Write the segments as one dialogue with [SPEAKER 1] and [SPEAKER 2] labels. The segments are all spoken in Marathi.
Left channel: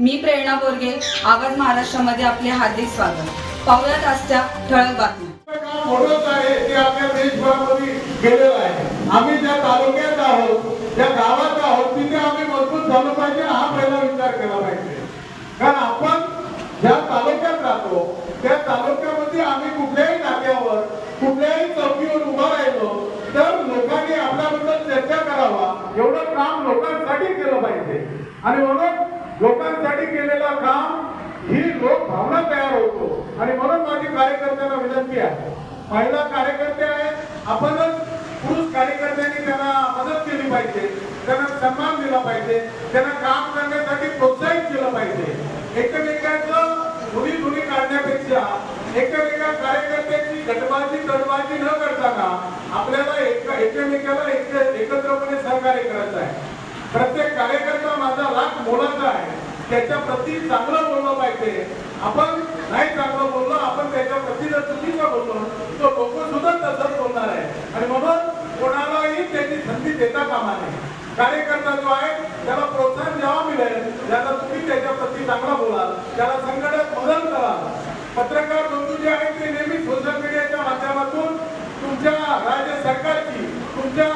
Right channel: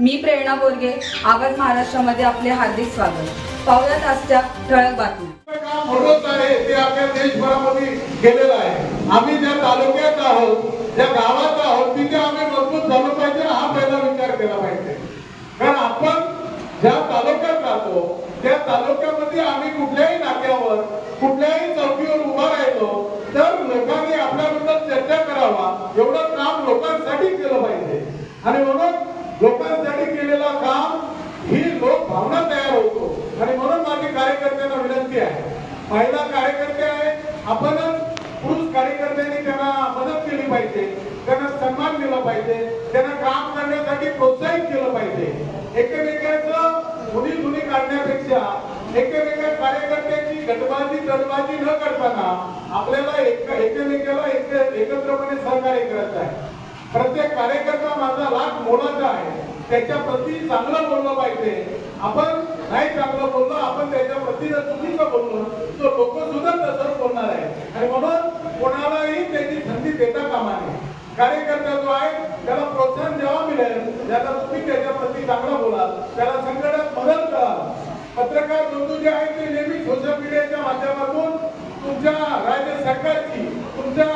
[SPEAKER 1] मी प्रेरणा बोरगे आवाज महाराष्ट्रामध्ये आपले हार्दिक स्वागत. पाहुयात आजच्या ठळक बातम्या.
[SPEAKER 2] आहे आम्ही ज्या तालुक्यात आहोत ज्या गावात आहोत तिथे आम्ही मजबूत झालो पाहिजे हा पहिला विचार केला पाहिजे. कारण आपण ज्या तालुक्यात राहतो त्या तालुक्यामध्ये आम्ही कुठल्याही नात्यावर कुठल्याही चौकीवर उभा राहिलो तर लोकांनी आपल्याबद्दल चर्चा करावा एवढं काम लोकांसाठी केलं पाहिजे आणि म्हणून लोकांसाठी केलेलं काम ही लोक भावना तयार होतो आणि म्हणून माझी कार्यकर्त्यांना विनंती आहे महिला कार्यकर्ते आहे आपणच पुरुष कार्यकर्त्यांनी त्यांना मदत केली पाहिजे त्यांना सन्मान दिला पाहिजे त्यांना काम करण्यासाठी प्रोत्साहित केलं पाहिजे एकमेकांचं धुणी धुणी काढण्यापेक्षा एकमेका कार्यकर्त्यांची गटबाजी तडबाजी न करताना आपल्याला एक एकमेकाला एकत्रपणे सहकार्य करायचं आहे. प्रत्येक कार्यकर्ता माझा लाख मोलाचा आहे. त्याच्या प्रती चांगलं बोललं पाहिजे. आपण नाही चांगलं बोललो आपण त्याच्या प्रती जर चुकीचं बोललो तो लोक सुद्धा तसंच बोलणार आहे. आणि म्हणून कोणालाही त्याची संधी देता कामा नये. कार्यकर्ता जो आहे त्याला प्रोत्साहन जेव्हा मिळेल तुम्ही त्याच्याप्रती चांगला बोला त्याला संकटात मदत करा पत्रकार बंधू जे आहेत ते नेहमी सोशल मीडियाच्या माध्यमातून तुमच्या राज्य सरकारची तुमच्या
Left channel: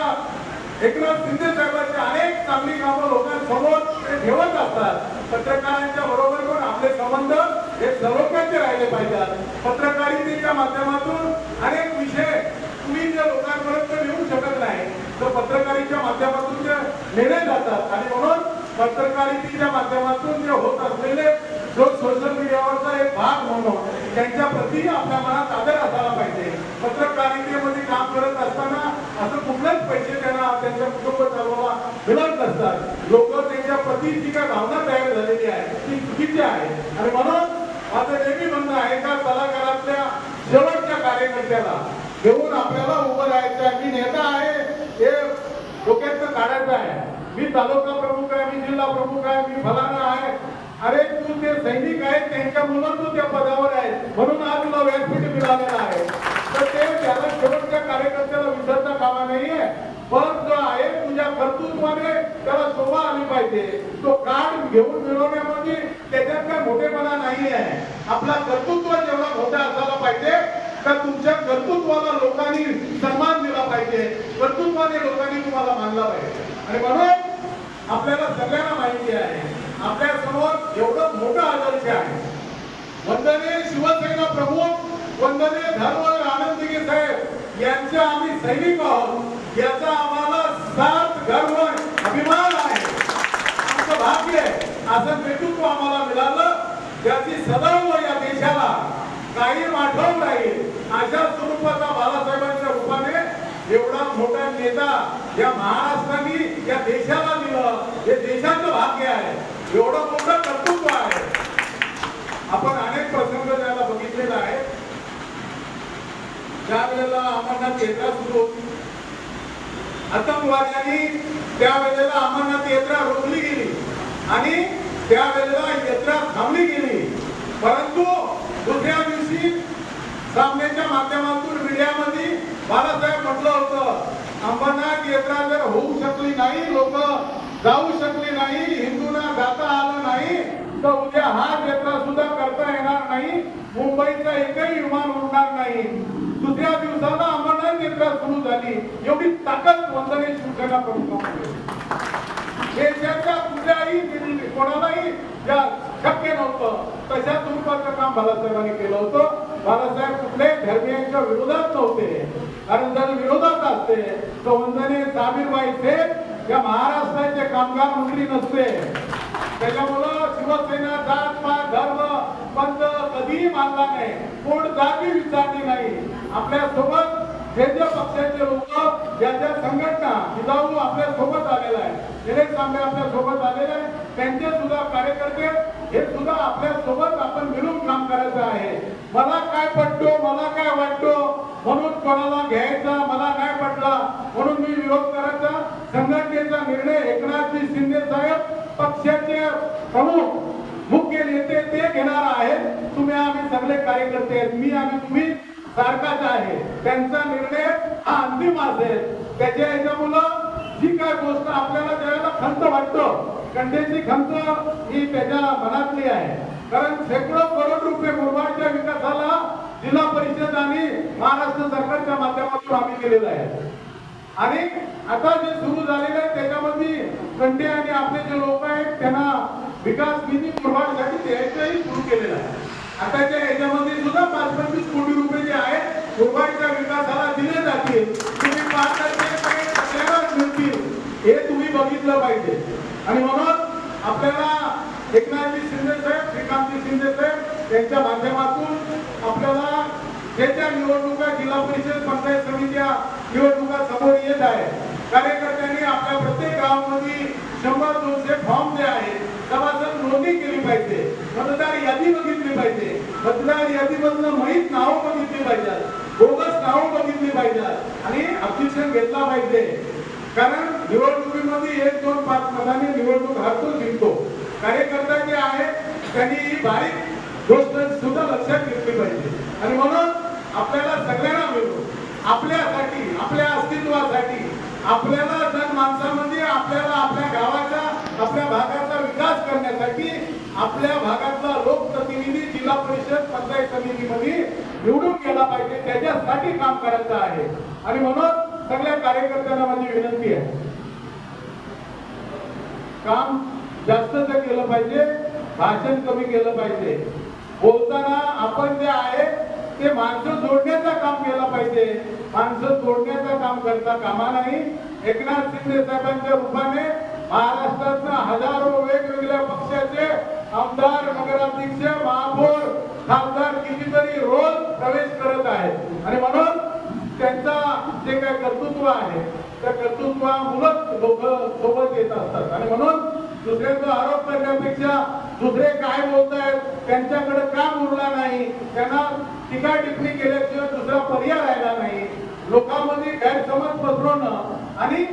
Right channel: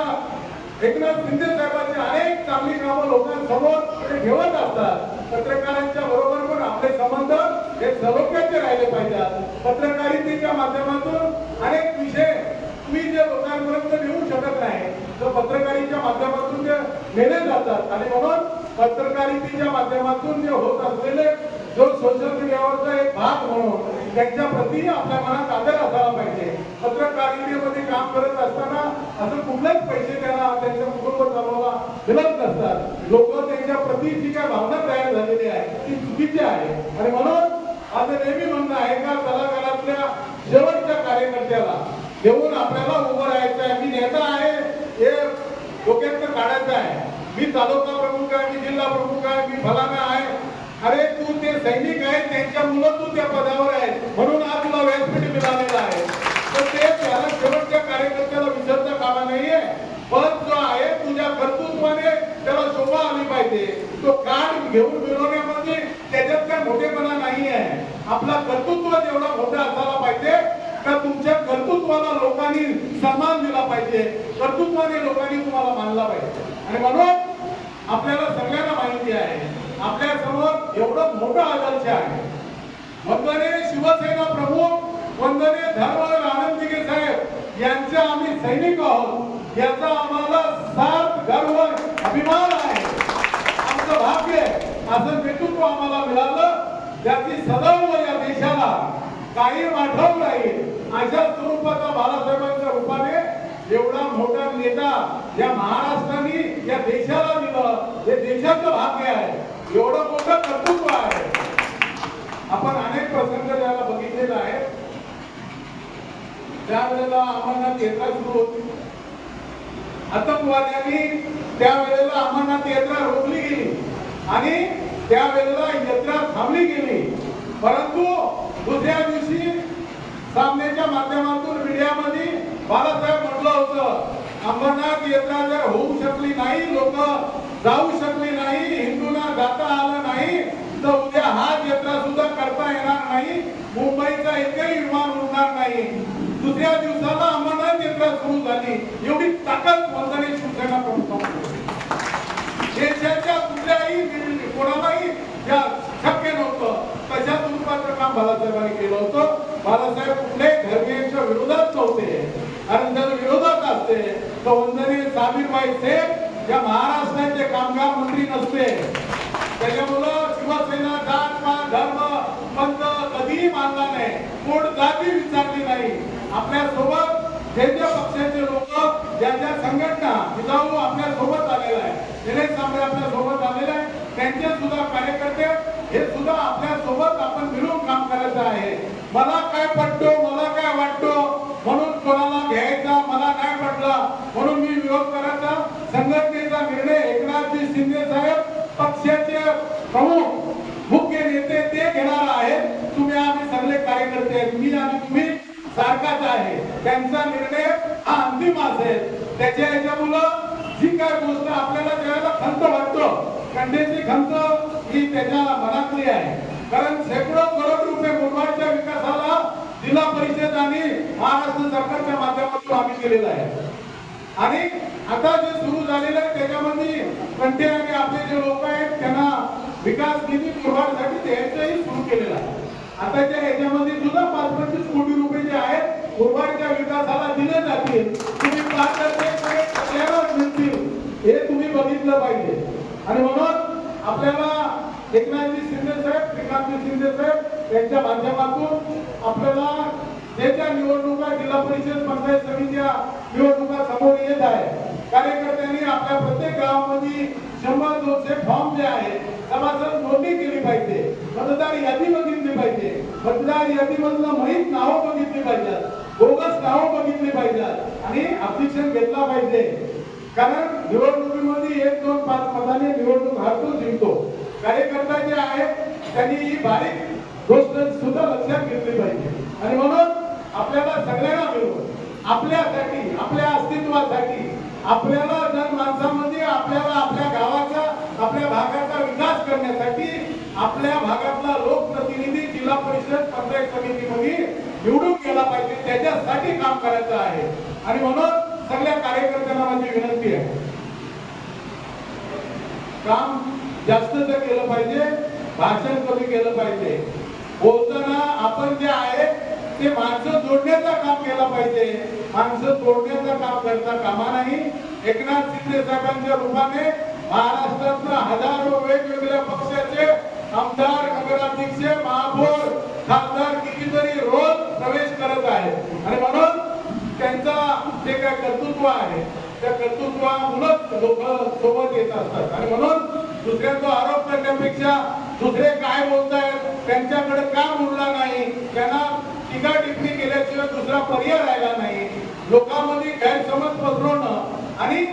[SPEAKER 2] एकनाथ शिंदे साहेबांची अनेक चांगली कामं लोकांसमोर ते ठेवत असतात. पत्रकारांच्या बरोबर पण आपले संबंध हे सर्वज्ञाचे राहिले पाहिजेत. पत्रकारितेच्या माध्यमातून अनेक विषय तुम्ही जे लोकांपर्यंत नेऊ शकत नाही. तर पत्रकारितेच्या माध्यमातून ते नेले जातात. आणि म्हणून पत्रकारितेच्या माध्यमातून जे होत असलेले जो सोशल मीडियावरचा एक भाग म्हणून त्यांच्या प्रती आपल्या मनात आदर असायला पाहिजे. पत्रकारितेमध्ये काम करत असताना असं कुठलेच पैसे त्यांना त्यांच्या कुटुंब चालवायला मिळत नसतात. लोक त्यांच्या प्रती जी काय भावना तयार झालेली आहे ती चुकीची आहे. आणि म्हणून माझं नेहमी म्हणणं आहे का कलाकारातल्या शेवटच्या कार्यकर्त्याला घेऊन आपल्याला उभं राहायचं आहे मी नेता आहे हे डोक्यात काढायचं आहे मी तालुका प्रमुख आहे मी जिल्हा प्रमुख आहे मी फलाना आहे. अरे तू ते सैनिक आहेत त्यांच्या मुलं तू त्या पदावर आहे म्हणून आज तुला व्यासपीठ मिळालेलं आहे. तर ते त्याला शेवटच्या कार्यकर्त्याला विसरता कामा नाहीये. पण जो आहे तुझ्या कर्तृत्वाने त्याला शोभा आली पाहिजे. तो कार्ड घेऊन मिळवण्यामध्ये त्याच्यात काय मोठेपणा नाही आहे आपला कर्तृत्व जेवढा मोठा असायला पाहिजे तर तुमच्या कर्तृत्वाला लोकांनी सन्मान दिला पाहिजे. कर्तृत्वाने लोकांनी तुम्हाला मानला पाहिजे. आणि म्हणून आपल्याला सगळ्यांना माहिती आहे. आपल्यासमोर एवढं मोठं आदर्श आहे. वंदने शिवसेना प्रमुख वंदने धर्मवीर आनंद साहेब. यांचे आम्ही सैनिक आहोत. याचा आम्हाला सात गर्व अभिमान आहे. आमचं भाग्य आहे. असं नेतृत्व आम्हाला मिळालं. याची सदैव या देशाला काही आठवण राहील अशा स्वरूपाचा बाळासाहेबांच्या रूपाने एवढा मोठा नेता या महाराष्ट्राने या देशाला हे देशाचं भाग्य आहे. एवढं मोठं कर्तृत्व आहे. आपण अनेक प्रसंग त्याला बघितलेला आहे. त्यावेळेला अमरनाथ यात्रा सुरू होती. आतंकवाद्यांनी त्यावेळेला अमरनाथ यात्रा रोखली गेली. आणि त्यावेळेला यात्रा थांबली गेली. परंतु दुसऱ्या दिवशी सामन्याच्या माध्यमातून मीडियामध्ये बाळासाहेब म्हटलं होतं अमरनाथ यात्रा जर होऊ शकली नाही लोक जाऊ शकली नाही हिंदूंना जाता आलं नाही तर उद्या हा यात्रा सुद्धा करता येणार नाही. मुंबईचा एकही विमान उडणार नाही. दुसऱ्या दिवसाला अमरनाथ यात्रा सुरू झाली. एवढी ताकद वंदने शिवसेना प्रमुख देशाच्या कुठल्याही कोणालाही या शक्य नव्हतं. तशा स्वरूपाचं काम बाळासाहेबांनी केलं होतं बाळासाहेब कुठल्याही धर्मियांच्या विरोधात नव्हते कारण जर विरोधात असते तर वंदनीय सामीरबाई शेख या महाराष्ट्राचे कामगार मंत्री नसते. त्याच्यामुळं शिवसेना जात पात धर्म पंथ कधीही मानला नाही. कोण जाती विचारली नाही. आपल्यासोबत जे जे पक्षाचे लोक ज्या ज्या संघटना जिजाऊ आपल्यासोबत आलेला आहे निलेश तांबे आपल्यासोबत आलेले आहे त्यांचे सुद्धा कार्यकर्ते हे सुद्धा आपल्यासोबत आपण मिळून काम करायचं आहे. मला काय पडतो मला काय वाटतो म्हणून कोणाला घ्यायचा मला काय पडला म्हणून मी विरोध करायचा संघटनेचा निर्णय एकनाथजी शिंदे साहेब पक्षाचे प्रमुख मुख्य नेते ते घेणार आहेत चांगले कार्यकर्ते आहेत. मी आणि तुम्ही सारखाच आहे. त्यांचा निर्णय हा अंतिम असेल. त्याच्या याच्यामुळं जी काय गोष्ट आपल्याला ज्यावेळेला खंत वाटतो कंडेची खंत ही त्याच्या मनातली आहे. कारण शेकडो करोड रुपये मुरबाडच्या विकासाला जिल्हा परिषद आणि महाराष्ट्र सरकारच्या माध्यमातून आम्ही केलेलं आहे. आणि आता जे सुरू झालेलं आहे त्याच्यामध्ये कंटे आणि आपले जे लोक आहेत त्यांना विकास निधी मुरबाडसाठी द्यायचंही सुरू केलेलं आहे. आताच्या याच्यामध्ये सुद्धा पाच पंचवीस कोटी रुपये जे आहेत मुरबाडच्या विकासाला दिले जातील. तुम्ही पारदर्शकपणे मिळतील. हे तुम्ही बघितलं पाहिजे. आणि म्हणून आपल्याला एकनाथजी शिंदे साहेब श्रीकांतजी शिंदे साहेब यांच्या माध्यमातून आपल्याला हे ज्या निवडणुका जिल्हा परिषद पंचायत समितीच्या निवडणुका समोर येत आहे कार्यकर्त्यांनी आपल्या प्रत्येक गावामध्ये शंभर दोनशे फॉर्म जे आहेत सभासद नोंदणी केली पाहिजे. मतदार यादी बघितली पाहिजे. मतदार यादीमधून माहीत नावं बघितली पाहिजेत. बोगस नावं बघितली पाहिजेत. आणि अतिशय घेतला पाहिजे. कारण निवडणुकीमध्ये एक दोन पाच मताने निवडणूक हारतो जिंकतो कार्यकर्ता जे आहेत त्यांनी ही बारीक गोष्ट सुद्धा लक्षात घेतली पाहिजे. आणि म्हणून आपल्याला सगळ्यांना मिळून आपल्यासाठी आपल्या अस्तित्वासाठी आपल्याला जन माणसामध्ये आपल्याला आपल्या गावाचा आपल्या भागाचा विकास करण्यासाठी आपल्या भागातला लोकप्रतिनिधी जिल्हा परिषद पंचायत समितीमध्ये निवडून गेला पाहिजे. त्याच्यासाठी काम करायचं आहे. आणि म्हणून सगळ्या कार्यकर्त्यांना माझी विनंती आहे. काम जास्त तर केलं पाहिजे भाषण कमी केलं पाहिजे. बोलताना आपण जे आहे ते माणसं जोडण्याचं काम केलं पाहिजे. माणसं जोडण्याचं काम करता कामा नाही. एकनाथ शिंदे साहेबांच्या रूपाने महाराष्ट्रातनं हजारो वेगवेगळ्या पक्षाचे आमदार नगराध्यक्ष महापौर खासदार कितीतरी रोज प्रवेश करत आहेत. आणि म्हणून त्यांचा जे काय कर्तृत्व आहे त्या कर्तृत्वामुळेच लोक सोबत येत असतात. आणि म्हणून दुसऱ्यांचा आरोप करण्यापेक्षा दुसरे काय बोलतायत त्यांच्याकडे का उरला नाही त्यांना टीका टिप्पणी केल्याशिवाय दुसरा पर्याय राहिला नाही. लोकांमध्ये गैरसमज पसरवणं आणि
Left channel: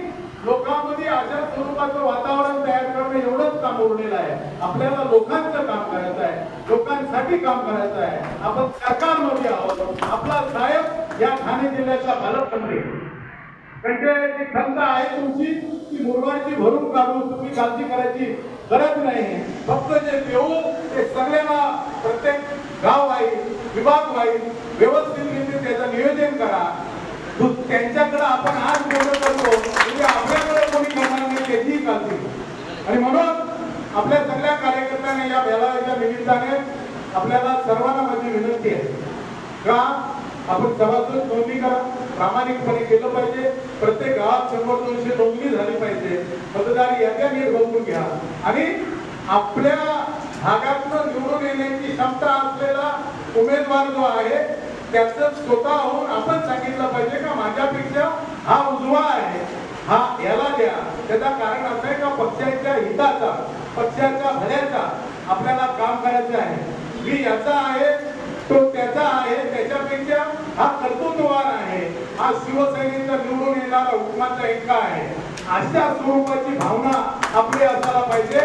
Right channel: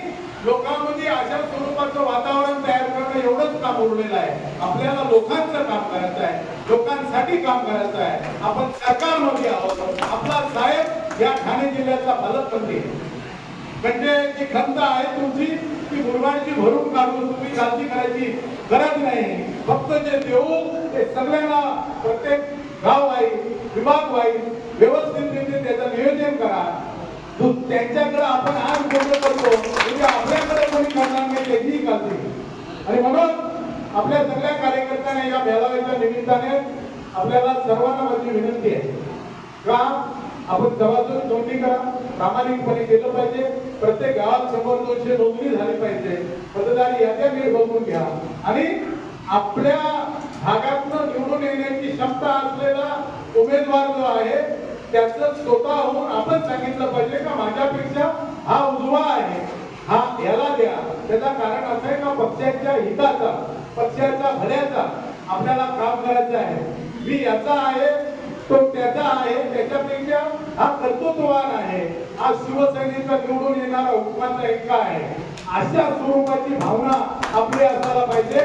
[SPEAKER 2] लोकांमध्ये अशा स्वरूपाचं वातावरण तयार करणं एवढंच काम उरलेलं आहे. आपल्याला लोकांचं काम करायचं आहे. लोकांसाठी काम करायचं आहे. आपण सरकारमध्ये आहोत. आपला साहेब या ठाणे जिल्ह्याचा पालकमंत्री म्हणजे जी खंत आहे तुमची ती मुरबाडची भरून काढून तुम्ही काळजी करायची गरज नाही. फक्त जे देऊ ते सगळ्यांना प्रत्येक गाव वाईज विभाग वाईज व्यवस्था त्याचं नियोजन करा तू- त्यांच्याकडे आपण आज बोलत करतो म्हणजे आपल्याकडे कोणी करणार नाही त्याचीही काळजी आणि म्हणून आपल्या सगळ्या कार्यकर्त्यांना या मेळाव्याच्या निमित्ताने आपल्याला सर्वांना माझी विनंती आहे का आपण सभासद नोंदणी करा. प्रामाणिकपणे केलं पाहिजे. प्रत्येक गावात शंभर दोनशे नोंदणी झाली पाहिजे. मतदार याद्या नीट बघून घ्या. आणि आपल्या भागातनं निवडून येण्याची क्षमता असलेला उमेदवार जो आहे त्याचं स्वतःहून आपण सांगितलं पाहिजे का माझ्यापेक्षा हा उजवा आहे. हा याला द्या. त्याचा कारण असं आहे का पक्षाच्या हिताचा पक्षाच्या भल्याचा आपल्याला काम करायचं आहे. मी याचा आहे तो त्याचा आहे त्याच्यापेक्षा हा कर्तृत्ववान आहे. हा शिवसेनेचा निवडून येणारा हुकमाचा इतका आहे. अशा स्वरूपाची भावना आपली असायला पाहिजे.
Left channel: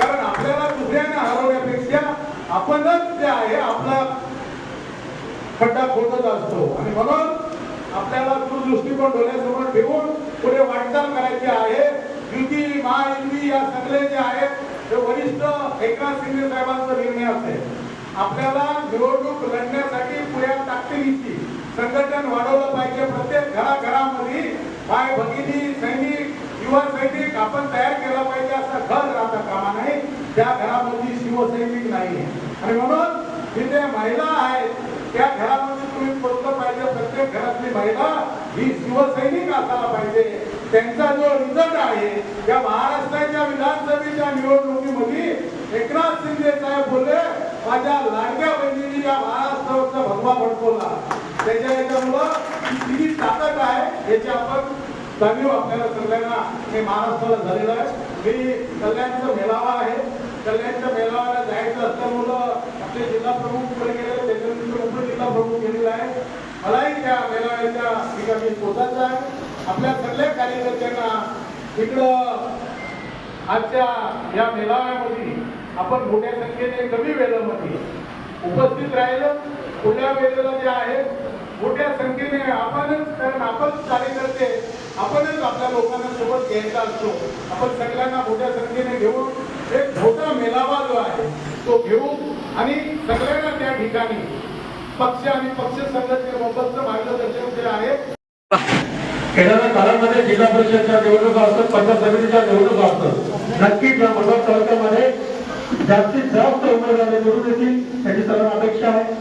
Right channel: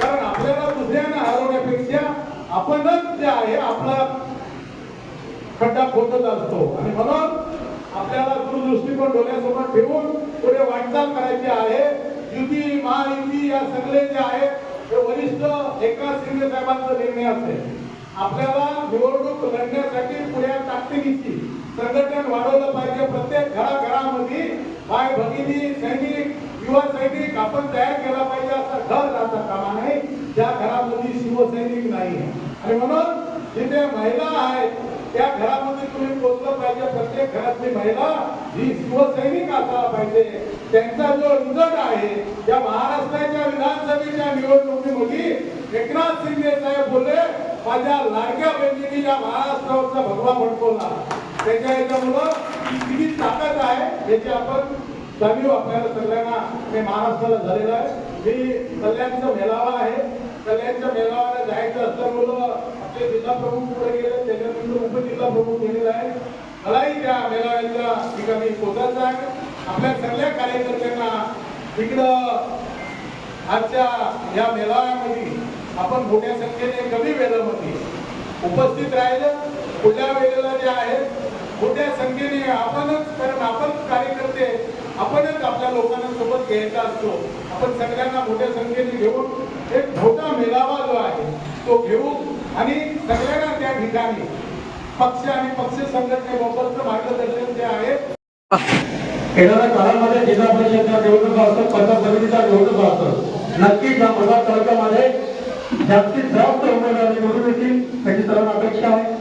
[SPEAKER 2] कारण आपल्याला दुसऱ्यांना हरवण्यापेक्षा आपणच जे आहे आपला खड्डा खोदत असतो. आणि म्हणून आपल्याला तो डोळ्यासमोर ठेवून पुढे वाटचाल करायची आहे. युती महायुती या सगळे जे आहेत ते वरिष्ठ एकनाथ शिंदे साहेबांचा निर्णय असेल आपल्याला निवडणूक लढण्यासाठी पुढ्या ताकदीची संघटन वाढवलं पाहिजे. प्रत्येक घराघरामध्ये बाय भगिनी सैनिक युवा सैनिक आपण तयार केला पाहिजे असा घर राहता कामा नाही त्या घरामध्ये शिवसैनिक नाही आणि म्हणून जिथे महिला आहेत त्या घरामध्ये तुम्ही पोचलं पाहिजे प्रत्येक घरातली महिला ही शिवसैनिक असायला पाहिजे. त्यांचा जो रिझल्ट आहे या महाराष्ट्राच्या विधानसभेच्या निवडणुकीमध्ये एकनाथ शिंदे साहेब बोलले माझ्या लाडक्या बहिणीने या महाराष्ट्रावरचा भगवा भडकवला. त्याच्या याच्यामुळं किती ताकद आहे याची आपण जाणीव आपल्याला सगळ्यांना हे महाराष्ट्राला झालेलं आहे. मी कल्याणचा मेळावा आहे. कल्याणच्या मेळाव्याला जायचं असल्यामुळं आपले जिल्हा प्रमुख पुढे गेले त्याच्यानंतर उपजिल्हा बघून गेलेला आहे. मलाही त्या मेळाव्याच्या ठिकाणी पोचायचं आहे. आपल्या सगळ्या कार्यकर्त्यांना इकडं आजच्या या मेळाव्यामध्ये आपण मोठ्या संख्येने कमी वेळामध्ये उपस्थित राहिलं. पुढल्या वेळेला जे आहे मोठ्या संख्येने आपणच कारण आपण कार्यकर्ते आपणच आपल्या लोकांना सोबत घ्यायचा असतो. आपण सगळ्यांना मोठ्या संख्येने घेऊन एक मोठा मेळावा जो आहे तो घेऊ आणि सगळ्यांना त्या ठिकाणी पक्ष आणि पक्ष संघटनेबाबतचं मार्गदर्शन जे आहे
[SPEAKER 3] येणाऱ्या काळामध्ये जिल्हा परिषदच्या निवडणुका असतात पंचायत समितीच्या निवडणुका असतात. नक्कीच या मतदार तालुक्यामध्ये जास्तीत जास्त उमेदवार निवडून येतील त्याची सर्व अपेक्षा आहे.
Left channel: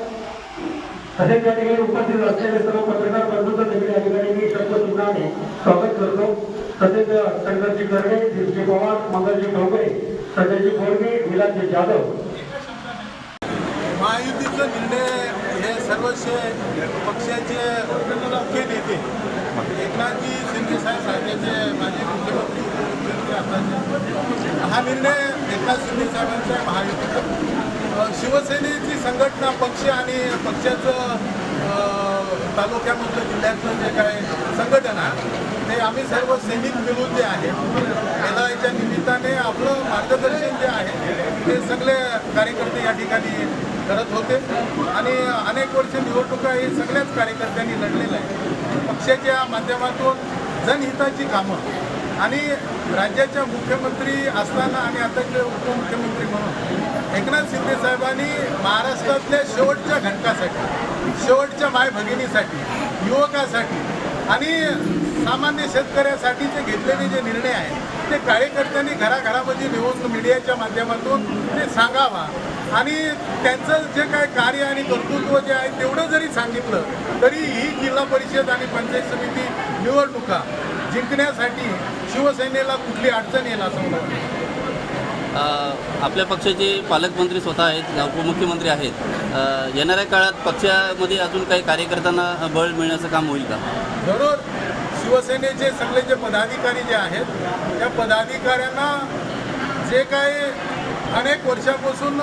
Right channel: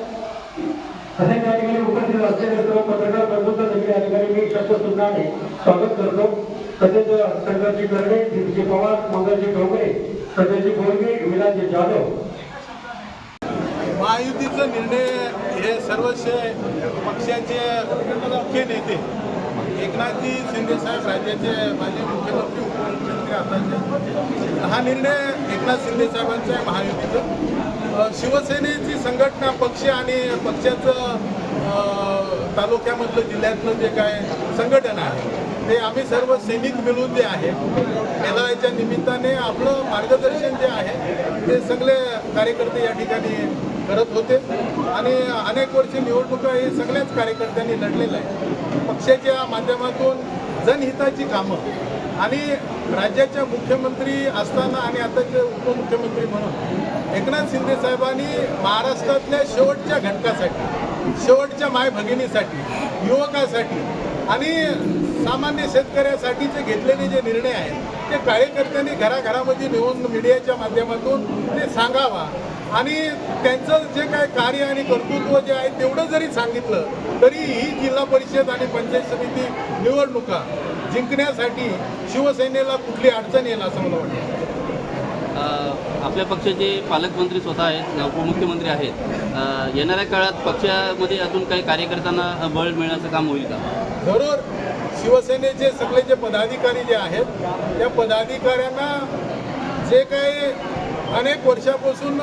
[SPEAKER 3] तसेच त्या ठिकाणी उपस्थित असलेले सर्व पत्रकार बंधूंचं देखील या ठिकाणी मी शब्दसुद्धाने स्वागत करतो. तसेच शंकरजी कर्णे दिलजी पवार मंगलजी डोंगरे संजयजी बोरगे विलासजी जाधव
[SPEAKER 2] महायुतीचे निर्णय हे पक्षाचे मुख्य नेते एकनाथजी शिंदे साहेब राज्याचे माजी मुख्यमंत्री उपमुख्यमंत्री आताचे. हा निर्णय एकनाथ शिंदे साहेबांचा आहे महायुतीचा शिवसेनेची संघटना पक्ष आणि पक्षाचं तालुक्यामधलं जिल्ह्यातलं जे काय संघटन आहे हे आम्ही सर्व सैनिक मिळून जे आहे. मेळाव्याच्या निमित्ताने आपलं मार्गदर्शन जे आहे ते सगळे कार्यकर्ते या ठिकाणी करत होते. आणि अनेक वर्ष निवडणुका हे सगळ्याच कार्यकर्त्यांनी लढलेलं आहे पक्षाच्या माध्यमातून जनहिताची कामं आणि राज्याच्या मुख्यमंत्री असताना आणि आताचे उपमुख्यमंत्री म्हणून एकनाथ शिंदे साहेबांनी महाराष्ट्रातल्या शेवटच्या घटकासाठी शेवटच्या माय भगिनीसाठी युवकासाठी आणि सामान्य शेतकऱ्यासाठीचे घेतलेले जे निर्णय आहे ते कार्यकर्त्यांनी घराघरामध्ये नेऊन मीडियाच्या माध्यमातून ते सांगावा. आणि त्यांचं जे काय कार्य आणि कर्तृत्व जे आहे तेवढं जरी सांगितलं तरी ही जिल्हा परिषद आणि पंचायत समिती निवडणुका जिंकण्यासाठी शिवसेनेला कुठली अडचण येईल असं मला वाटतं.
[SPEAKER 4] आपल्या पक्षाचे पालकमंत्री स्वतः आहेत उपमुख्यमंत्री आहेत. येणाऱ्या काळात पक्षामध्ये अजून काही कार्यकर्त्यांना बळ मिळण्याचं काम होईल का?
[SPEAKER 2] जरूर शिवसेनेचे सगळे जे पदाधिकारी जे आहेत त्या पदाधिकाऱ्यांना जे काही अनेक वर्षापासून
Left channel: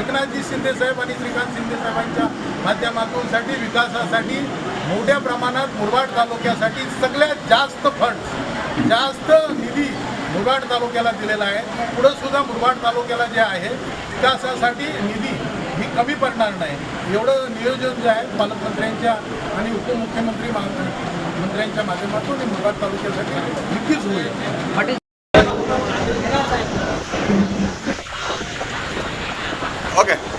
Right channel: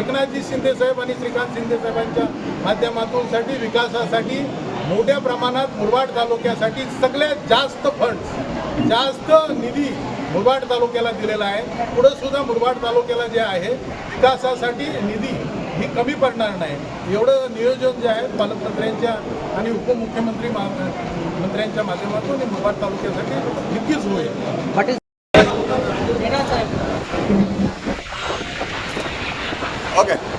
[SPEAKER 2] एकनाथजी शिंदे साहेब आणि श्रीकांत शिंदे साहेबांच्या माध्यमातून साठी विकासासाठी मोठ्या प्रमाणात मुरबाड तालुक्यासाठी सगळ्यात जास्त फंड जास्त निधी मुरबाड तालुक्याला दिलेला आहे. पुढं सुद्धा मुरबाड तालुक्याला जे आहे विकासासाठी निधी ही कमी पडणार नाही. एवढं नियोजन जे आहे पालकमंत्र्यांच्या आणि उपमुख्यमंत्री मंत्र्यांच्या माध्यमातून मुरबाड तालुक्यासाठी नक्कीच होईल. नेहमी